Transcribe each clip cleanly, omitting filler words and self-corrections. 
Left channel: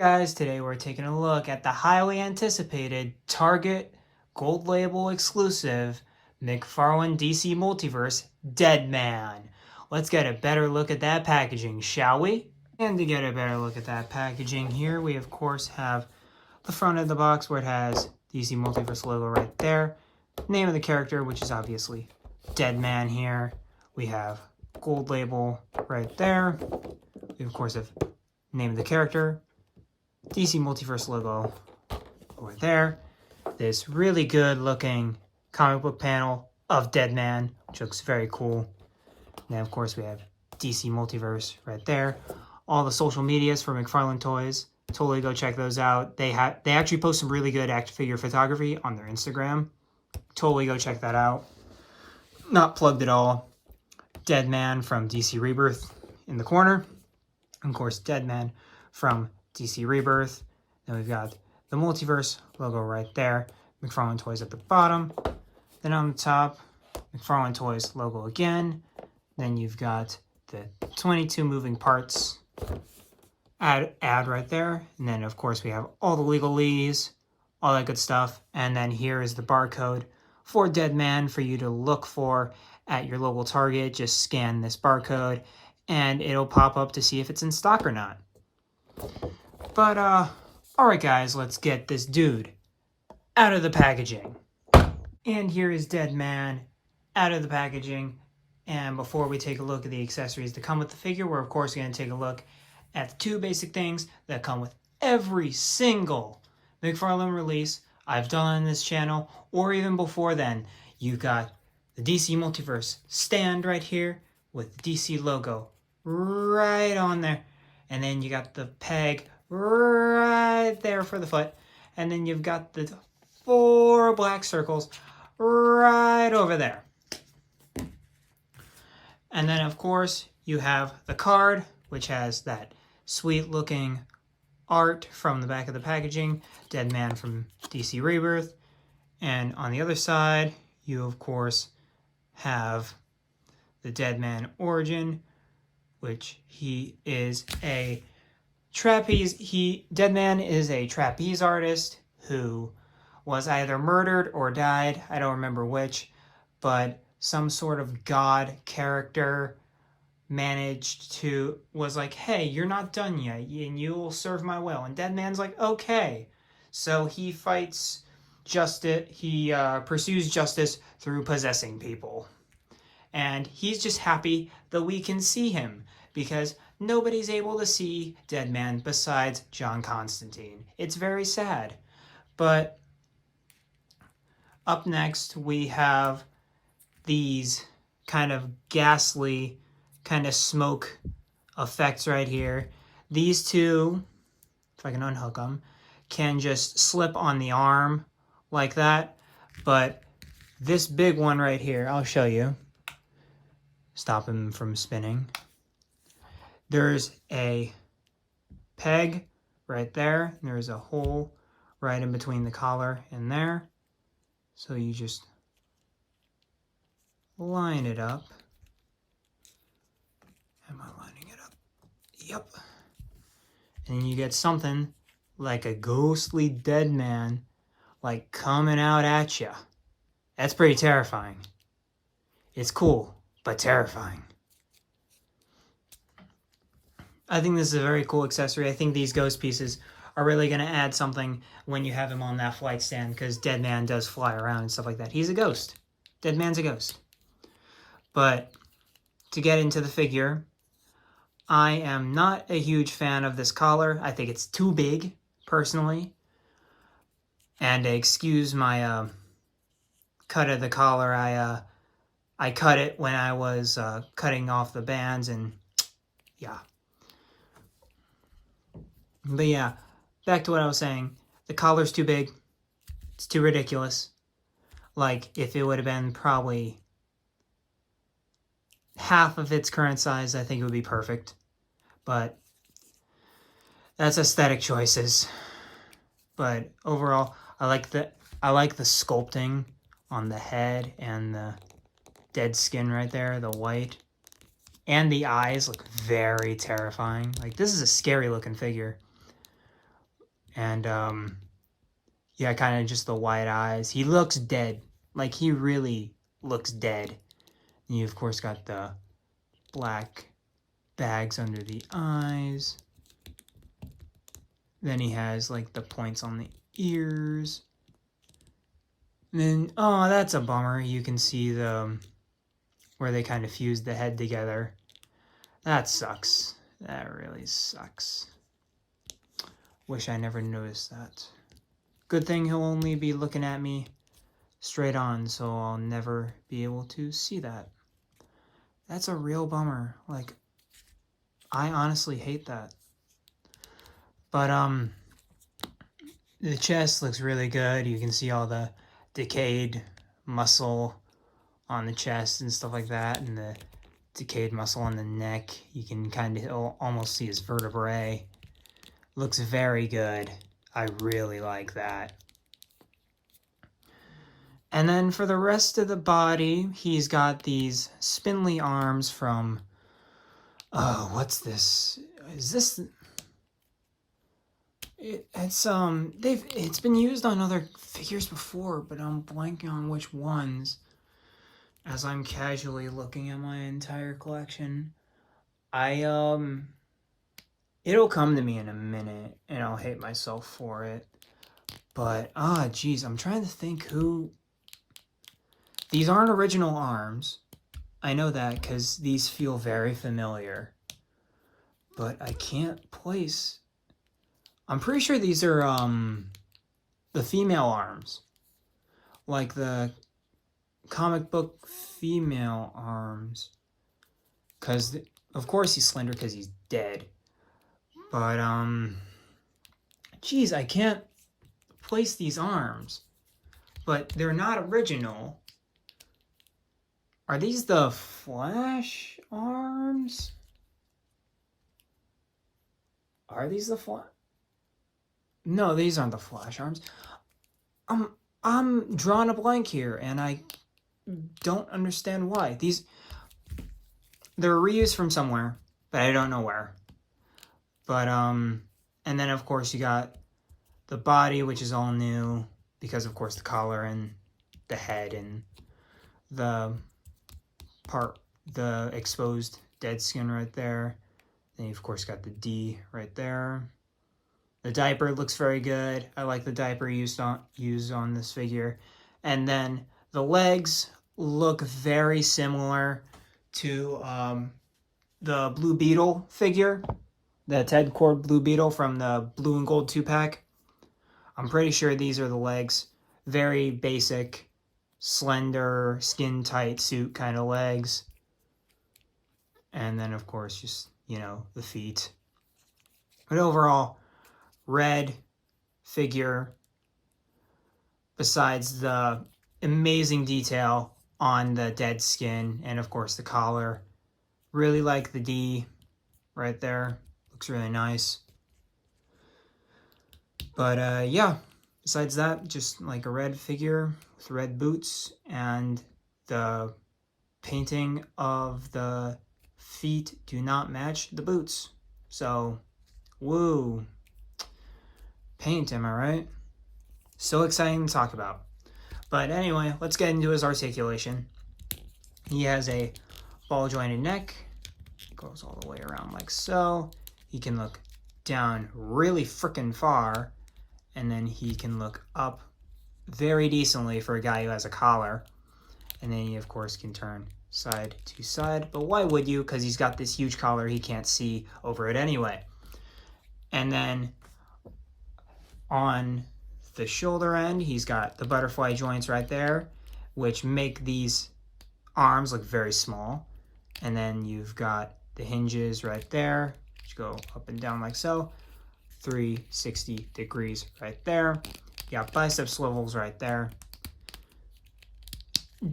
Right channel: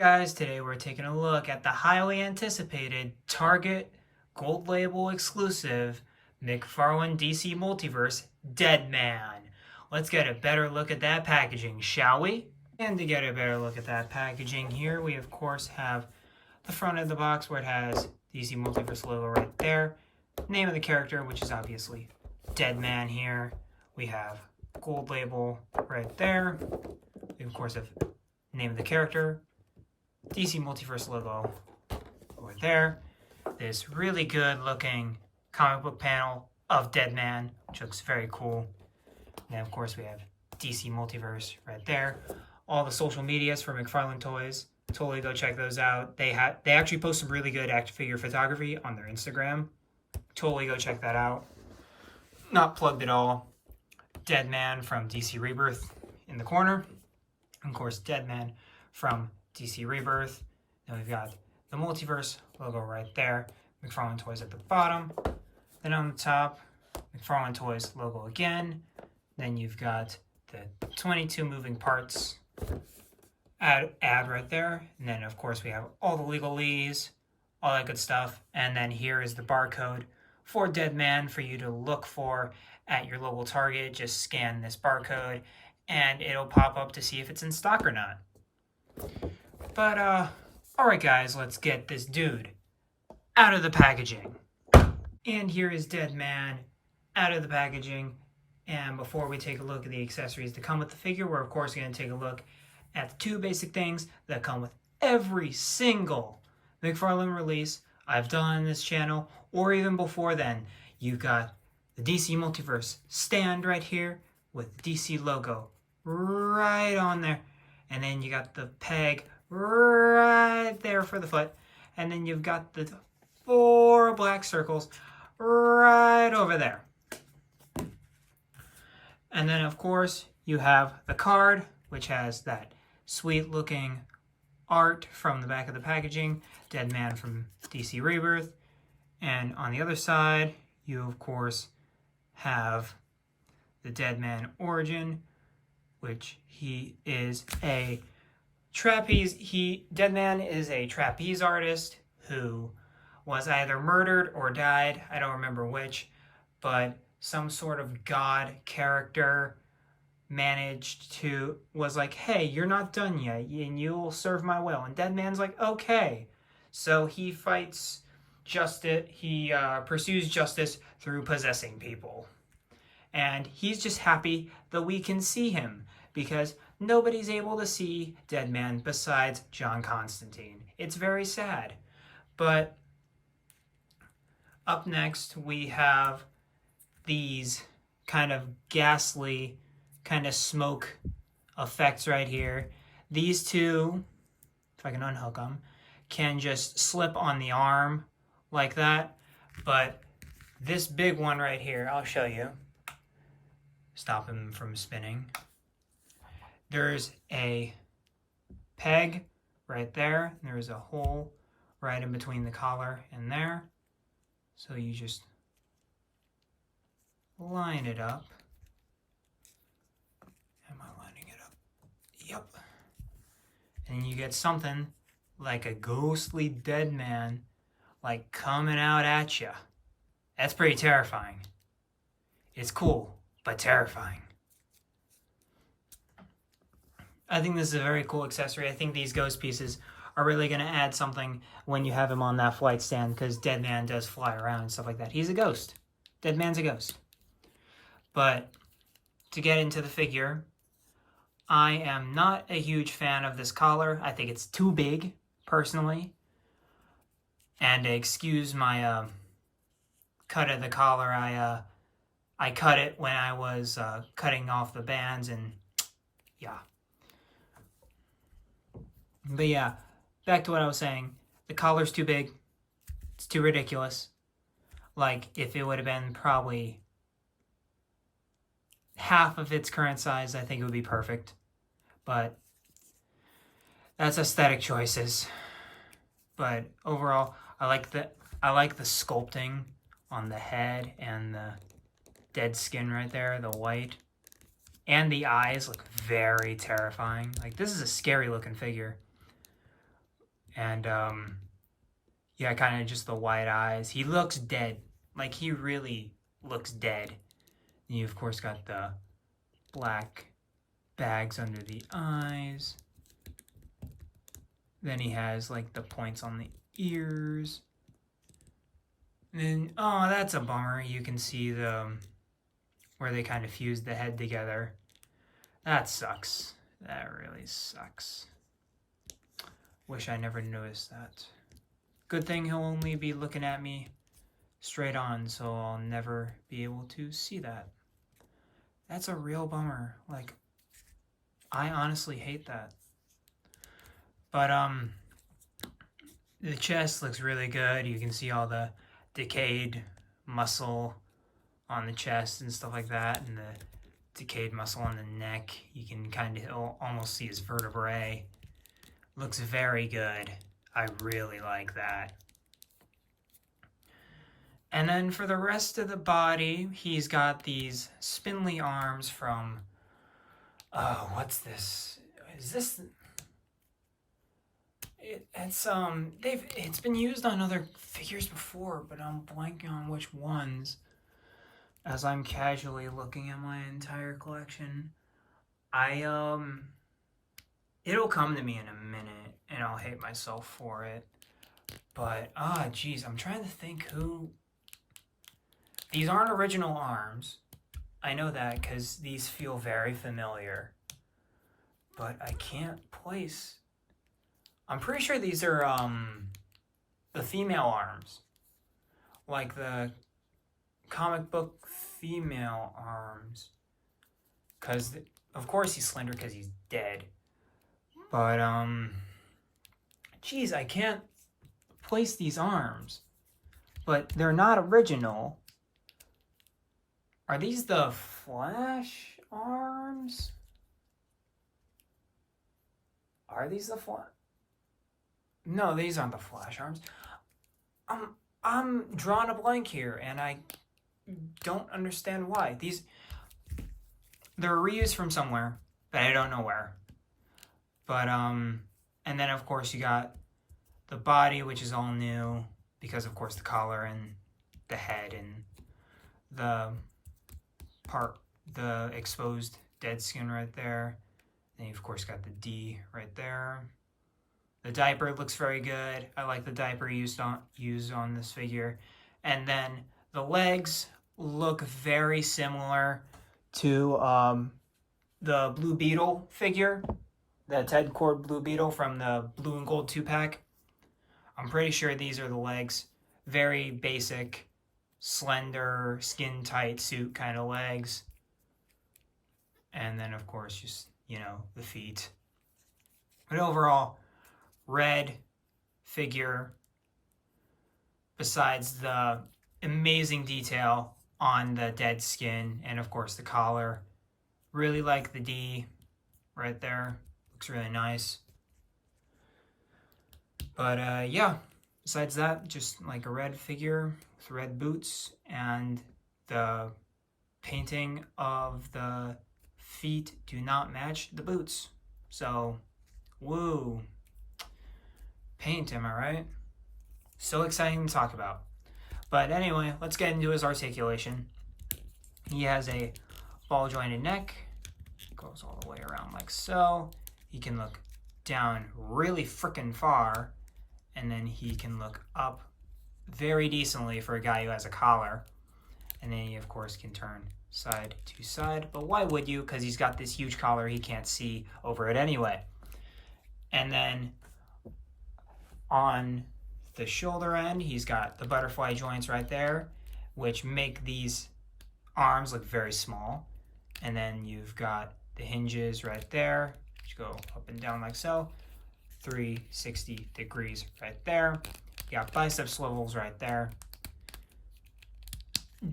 Guys, today we're taking a look at the highly anticipated Target Gold Label exclusive McFarlane DC Multiverse Deadman. Let's get a better look at that packaging, shall we? And to get a better look at that packaging here, we of course have the front of the box where it has DC Multiverse logo right there. Name of the character, which is obviously Deadman here. We have Gold Label right there. We of course have name of the character, DC Multiverse logo over there. This really good looking comic book panel of Deadman, which looks very cool. And then of course we have DC Multiverse right there. All the social medias for McFarlane Toys. Totally go check those out. They actually post some really good action figure photography on their Instagram. Totally go check that out. Not plugged at all. Deadman from DC Rebirth in the corner. And of course Deadman from DC Rebirth. Then we've got the Multiverse logo right there. McFarlane Toys at the bottom. Then on the top, McFarlane Toys logo again. Then you've got the 22 moving parts ad right there. And then of course we have all the legalese, all that good stuff. And then here is the barcode for Deadman for you to look for at your local Target. Just scan this barcode and it'll pop up to see if it's in stock or not. But, alright guys, let's get this dude out of the packaging. And here is Deadman out of the packaging. And before we take a look at the accessories that come with the figure, we're of course going to take a look at the two basic things that come with every single McFarlane release I've done on this channel, or even before then. You've got the DC Multiverse stand right here with the DC logo right on there. And then you got the peg right there for the foot. And then you've got the 4 black circles right over there. And then, of course, you have the card, which has that sweet-looking art from the back of the packaging. Deadman from DC Rebirth. And on the other side, you, of course, have the Deadman origin, which he is a trapeze. Deadman is a trapeze artist who was either murdered or died. I don't remember which, but some sort of god character was like, hey, you're not done yet, and you'll serve my will. And Deadman's like, okay. So he fights justice. He pursues justice through possessing people. And he's just happy that we can see him, because nobody's able to see Deadman besides John Constantine. It's very sad. But up next, we have these kind of ghastly, kind of smoke effects right here. These two, if I can unhook them, can just slip on the arm like that. But this big one right here, I'll show you. Stop him from spinning. There's a peg right there. There's a hole right in between the collar and there. So you just line it up. Am I lining it up? Yep. And you get something like a ghostly Deadman, like coming out at you. That's pretty terrifying. It's cool, but terrifying. I think this is a very cool accessory. I think these ghost pieces are really going to add something when you have him on that flight stand, because Deadman does fly around and stuff like that. He's a ghost. Deadman's a ghost. But to get into the figure, I am not a huge fan of this collar. I think it's too big, personally. And excuse my cut of the collar. I cut it when I was cutting off the bands, and yeah. But yeah, back to what I was saying. The collar's too big. It's too ridiculous. Like, if it would have been probably half of its current size, I think it would be perfect. But that's aesthetic choices. But overall, I like the sculpting on the head and the dead skin right there, the white. And the eyes look very terrifying. Like, this is a scary looking figure. And yeah, kind of just the white eyes. He looks dead. Like, he really looks dead. And you, of course, got the black bags under the eyes. Then he has, like, the points on the ears. And then, oh, that's a bummer. You can see the where they kind of fused the head together. That sucks. That really sucks. Wish I never noticed that. Good thing he'll only be looking at me straight on, so I'll never be able to see that. That's a real bummer. Like, I honestly hate that. But, the chest looks really good. You can see all the decayed muscle on the chest and stuff like that, and the decayed muscle on the neck. You can kind of almost see his vertebrae. Looks very good. I really like that. And then for the rest of the body, he's got these spindly arms from, oh, what's this? Is this? It's been used on other figures before, but I'm blanking on which ones. As I'm casually looking at my entire collection, it'll come to me in a minute, and I'll hate myself for it. But, geez, I'm trying to think who... These aren't original arms. I know that, because these feel very familiar. But I can't place... I'm pretty sure these are, the female arms. Like the comic book female arms. Because, of course he's slender because he's dead. But, geez, I can't place these arms. But they're not original. Are these the Flash arms? Are these the Flash? No, these aren't the Flash arms. I'm drawing a blank here, and I don't understand why. They're reused from somewhere, but I don't know where. But, and then, of course, you got the body, which is all new, because, of course, the collar and the head and the exposed dead skin right there. Then you, of course, got the D right there. The diaper looks very good. I like the diaper used on this figure. And then the legs look very similar to the Blue Beetle figure. The Ted Cord Blue Beetle from the Blue and Gold 2-pack. I'm pretty sure these are the legs. Very basic, slender, skin-tight suit kind of legs. And then, of course, just, the feet. But overall, red figure, besides the amazing detail on the dead skin and, of course, the collar. Really like the D right there. Looks really nice. But, yeah, besides that, just like a red figure with red boots, and the painting of the feet do not match the boots. So, woo. Paint, am I right? So exciting to talk about. But anyway, let's get into his articulation. He has a ball jointed neck. Goes all the way around like so. He can look down really freaking far. And then he can look up very decently for a guy who has a collar. And then he, of course, can turn side to side. But why would you? Because he's got this huge collar. He can't see over it anyway. And then on the shoulder end, he's got the butterfly joints right there, which make these arms look very small. And then you've got the hinges right there, which go up and down like so. 360 degrees right there. You got bicep swivels right there.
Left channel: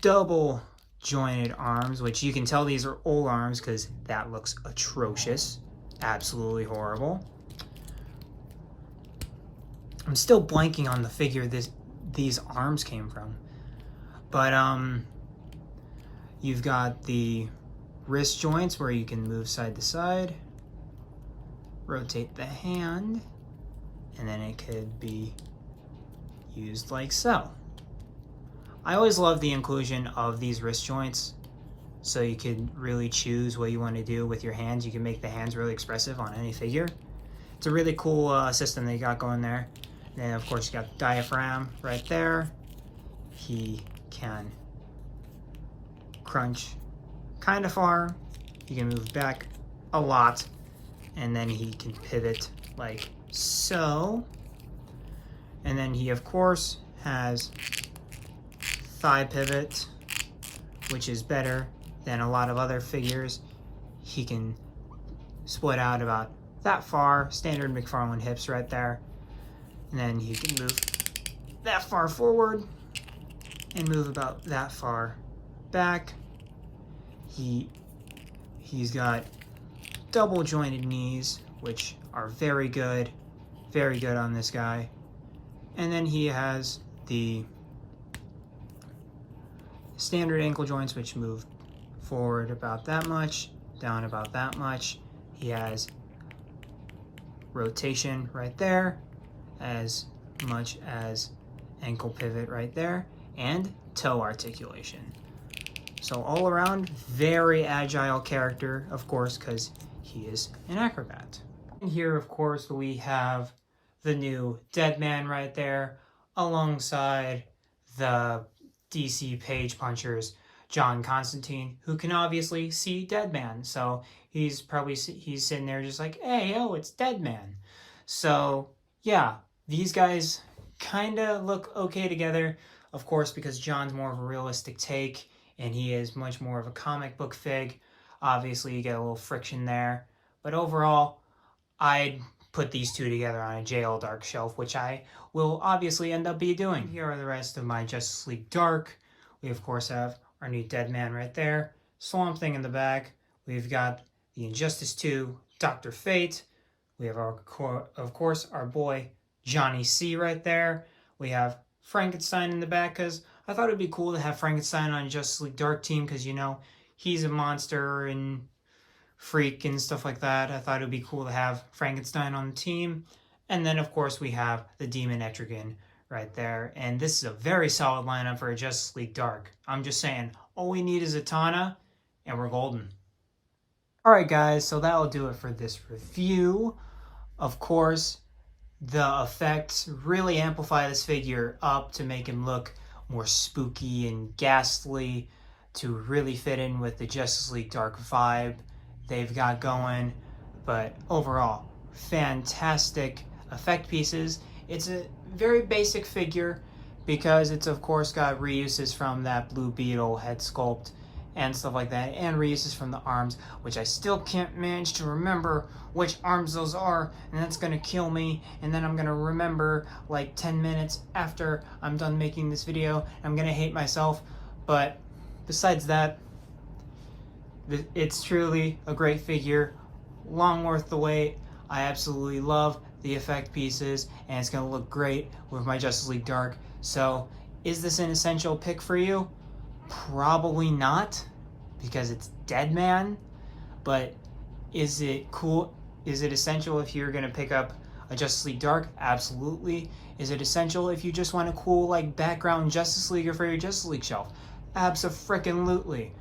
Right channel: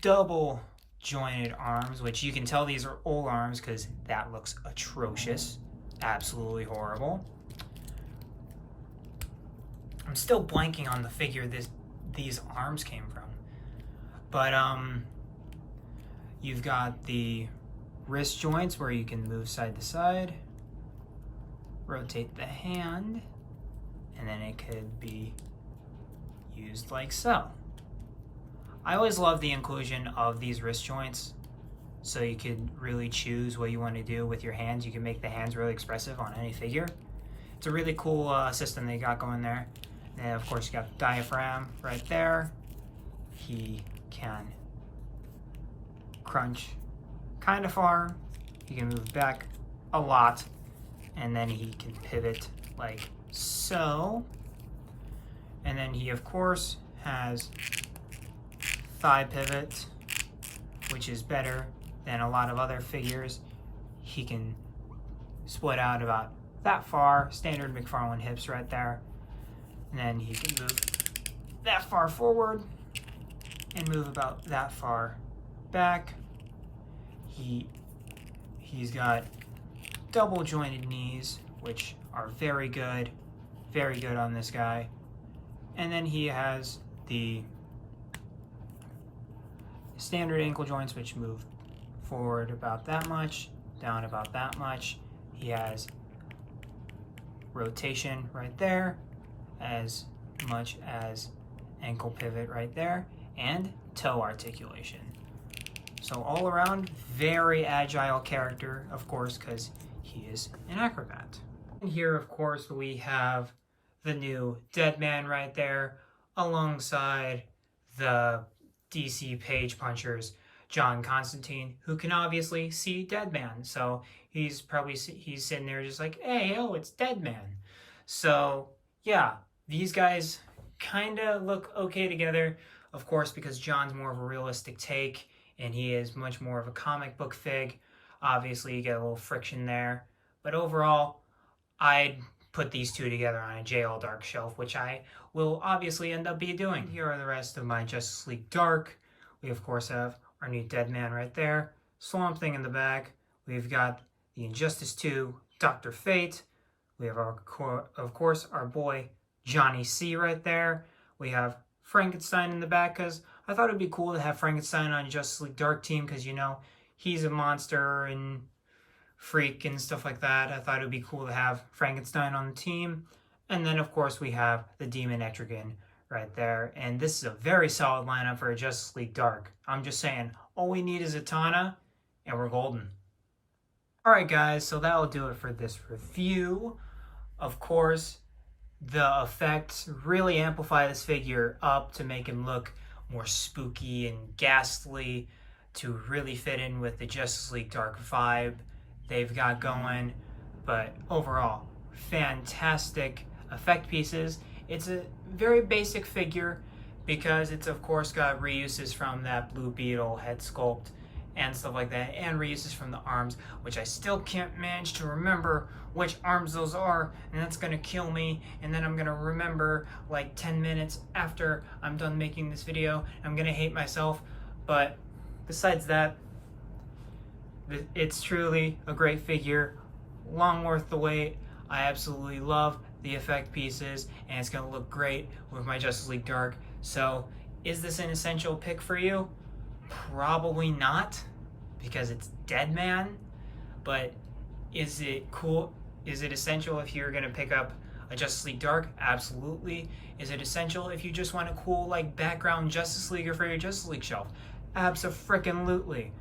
Double jointed arms, which you can tell these are old arms because that looks atrocious. Absolutely horrible. I'm still blanking on the figure these arms came from. But you've got the wrist joints where you can move side to side. Rotate the hand. and then it could be used like so. I always love the inclusion of these wrist joints, so you can really choose what you want to do with your hands. You can make the hands really expressive on any figure. It's a really cool system that you got going there. And of course you got the diaphragm right there. He can crunch kind of far. He can move back a lot. And then he can pivot like so. And then he of course has thigh pivot, which is better than a lot of other figures. He can split out about that far, standard McFarlane hips right there. And then he can move that far forward and move about that far back. He's got double jointed knees, which are very good on this guy. And then he has the standard ankle joints, which move forward about that much, down about that much. He has rotation right there, as much as ankle pivot right there, and toe articulation. So all around, very agile character, of course, because he is an acrobat. And here, of course, we have the new Deadman right there, alongside the DC Page Punchers, John Constantine, who can obviously see Deadman. So he's sitting there just like, hey, oh, it's Deadman. So yeah, these guys kind of look okay together, of course, because John's more of a realistic take and he is much more of a comic book fig. Obviously, you get a little friction there. But overall, I'd put these two together on a JL Dark shelf, which I will obviously end up doing. Here are the rest of my Justice League Dark. We, of course, have our new Deadman right there. Swamp Thing in the back. We've got the Injustice 2, Dr. Fate. We have, of course, our boy Johnny C right there. We have Frankenstein in the back, because I thought it would be cool to have Frankenstein on Justice League Dark team, because, you know, he's a monster and freak and stuff like that. I thought it would be cool to have Frankenstein on the team. And then, of course, we have the Demon Etrigan right there. And this is a very solid lineup for a Justice League Dark. I'm just saying, all we need is a Tana, and we're golden. Alright guys, so that'll do it for this review. Of course, the effects really amplify this figure up to make him look more spooky and ghastly, to really fit in with the Justice League Dark vibe they've got going. But overall, fantastic effect pieces. It's a very basic figure because it's of course got reuses from that Blue Beetle head sculpt and stuff like that, and reuses from the arms, which I still can't manage to remember which arms those are, and that's gonna kill me. And then I'm gonna remember like 10 minutes after I'm done making this video. I'm gonna hate myself. But besides that, it's truly a great figure, long worth the wait. I absolutely love the effect pieces, and it's gonna look great with my Justice League Dark. So is this an essential pick for you? Probably not, because it's Deadman. But is it cool? Is it essential if you're gonna pick up a Justice League Dark? Absolutely. Is it essential if you just want a cool like background Justice Leaguer for your Justice League shelf? Abso-frickin-lutely.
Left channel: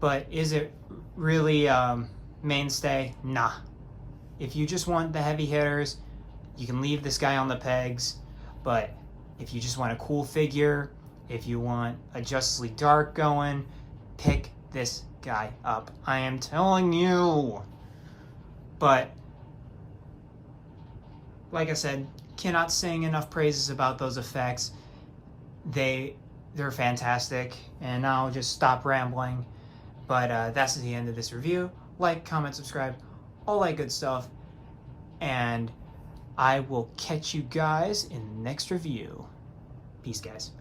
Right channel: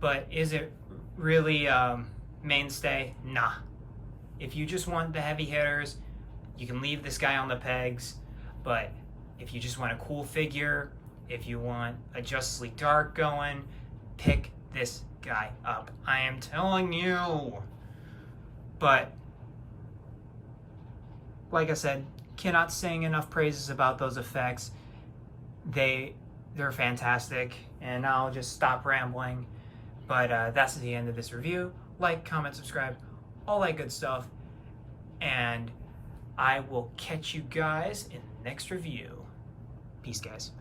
But is it really mainstay? Nah. If you just want the heavy hitters, you can leave this guy on the pegs. But if you just want a cool figure, if you want a Justice League Dark going, pick this guy up. I am telling you. But like I said, cannot sing enough praises about those effects. They're fantastic, and I'll just stop rambling. But that's the end of this review. Like, comment, subscribe, all that good stuff. And I will catch you guys in the next review. Peace, guys.